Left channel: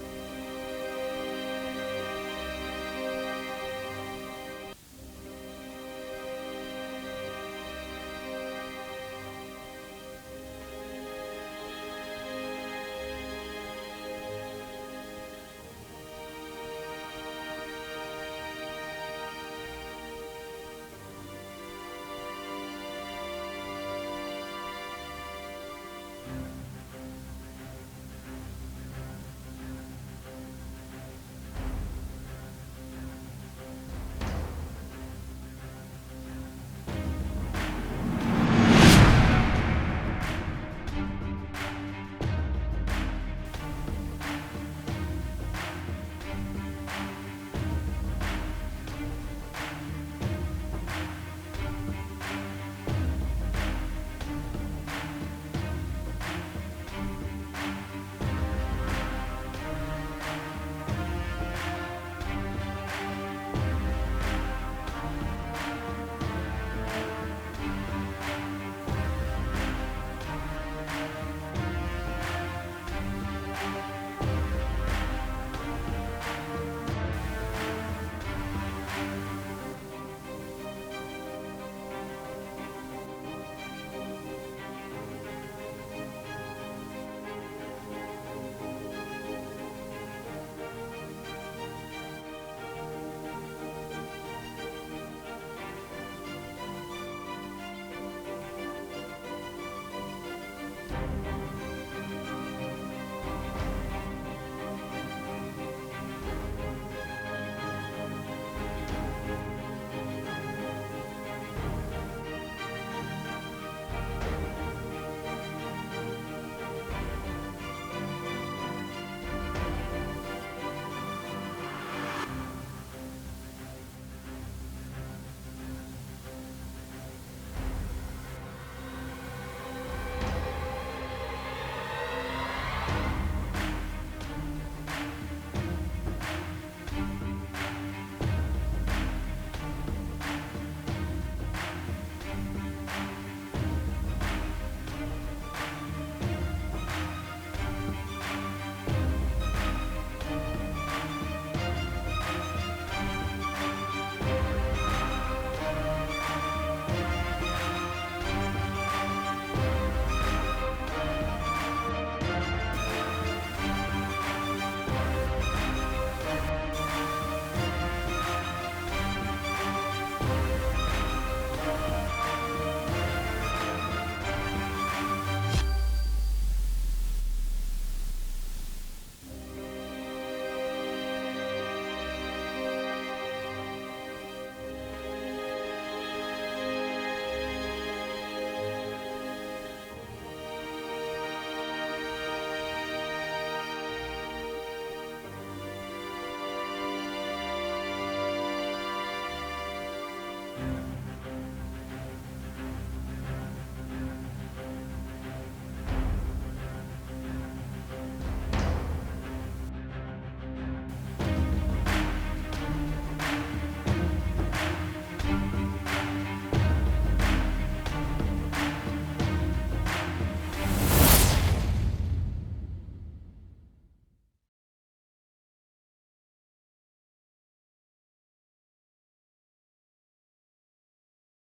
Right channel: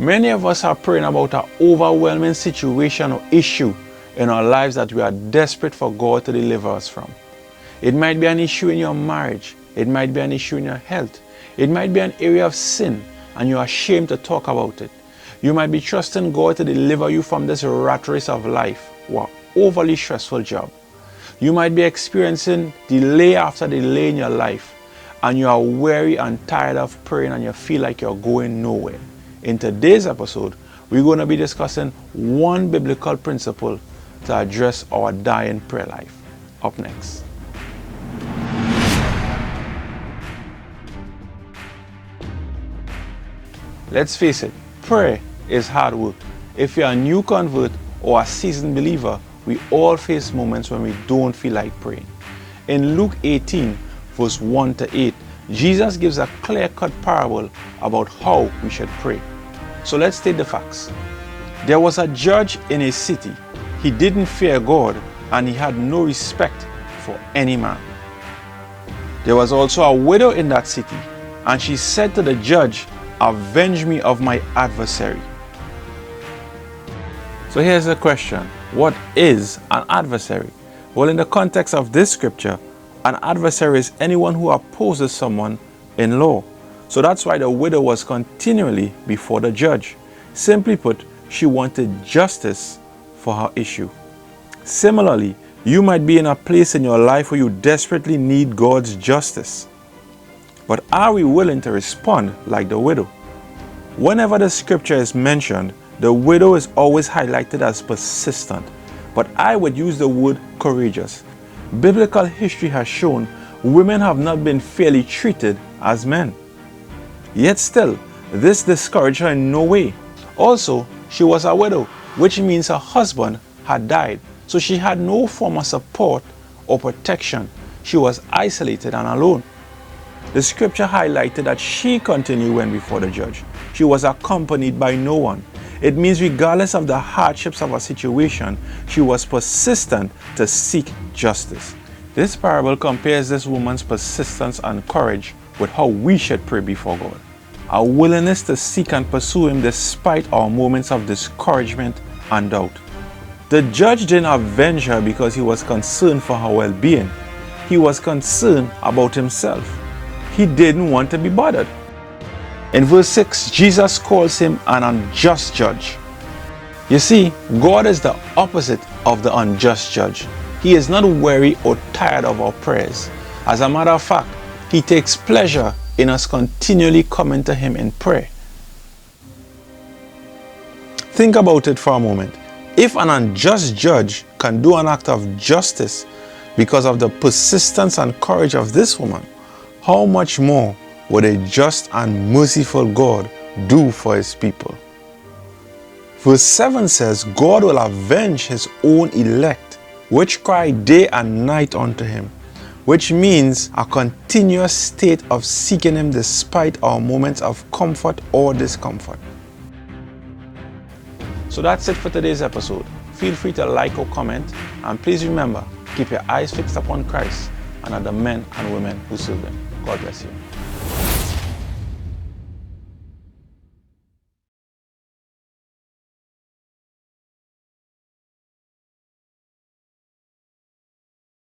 Many of us are praying about an overwhelming situation or issue in our lives that we are desperate for God to deliver us from. It might be an issue in your marriage. It might be an issue in your health. It might be an area of sin and you are ashamed to talk about it. You might be trusting God to deliver you from this rat race of life or overly stressful job. You might be experiencing delay after delay in your life and you are weary and tired of praying and you feel like you're going nowhere. In today's episode, we're going to be discussing one biblical principle to address our dying prayer life. Up next. Let's face it, prayer is hard work. If you're a new convert or a seasoned believer, we all face moments when we don't feel like praying. In Luke 18, verse 1 to 8, Jesus gives a clear-cut parable about how we should pray. So let's take the facts. There was a judge in a city. He didn't fear God and he had no respect for any man. There was also a widow in that city, and she said to the judge, "Avenge me of my adversary." So here's the question. What is an adversary? Well, in the context of this scripture, an adversary is anyone who opposes someone in law. So that's why the widow was continually before the judge. Simply put, she wanted justice for her issue. Similarly, you might be in a place in your life where you desperately need God's justice. But are we willing to respond like the widow? Whenever the scripture is mentioned, the widow is always highlighted as persistent, but I would use the word courageous. Biblical history has shown women have not been fairly treated as men. Yet still, this discouraged her in no way. Also, she was a widow, which means her husband had died, so she had no form of support or protection. She was isolated and alone. The scripture highlighted that she continued when before the judge. She was accompanied by no one. It means regardless of the hardships of her situation, she was persistent to seek justice. This parable compares this woman's persistence and courage with how we should pray before God. Our willingness to seek and pursue Him despite our moments of discouragement and doubt. The judge didn't avenge her because he was concerned for her well-being. He was concerned about himself. He didn't want to be bothered. In verse 6, Jesus calls him an unjust judge. You see, God is the opposite of the unjust judge. He is not weary or tired of our prayers. As a matter of fact, He takes pleasure in us continually coming to Him in prayer. Think about it for a moment. If an unjust judge can do an act of justice because of the persistence and courage of this woman, how much more would a just and merciful God do for His people? Verse 7 says, God will avenge His own elect, which cry day and night unto Him, which means a continuous state of seeking Him despite our moments of comfort or discomfort. So that's it for today's episode. Feel free to like or comment, and please remember, keep your eyes fixed upon Christ and other men and women who serve Him. God bless you.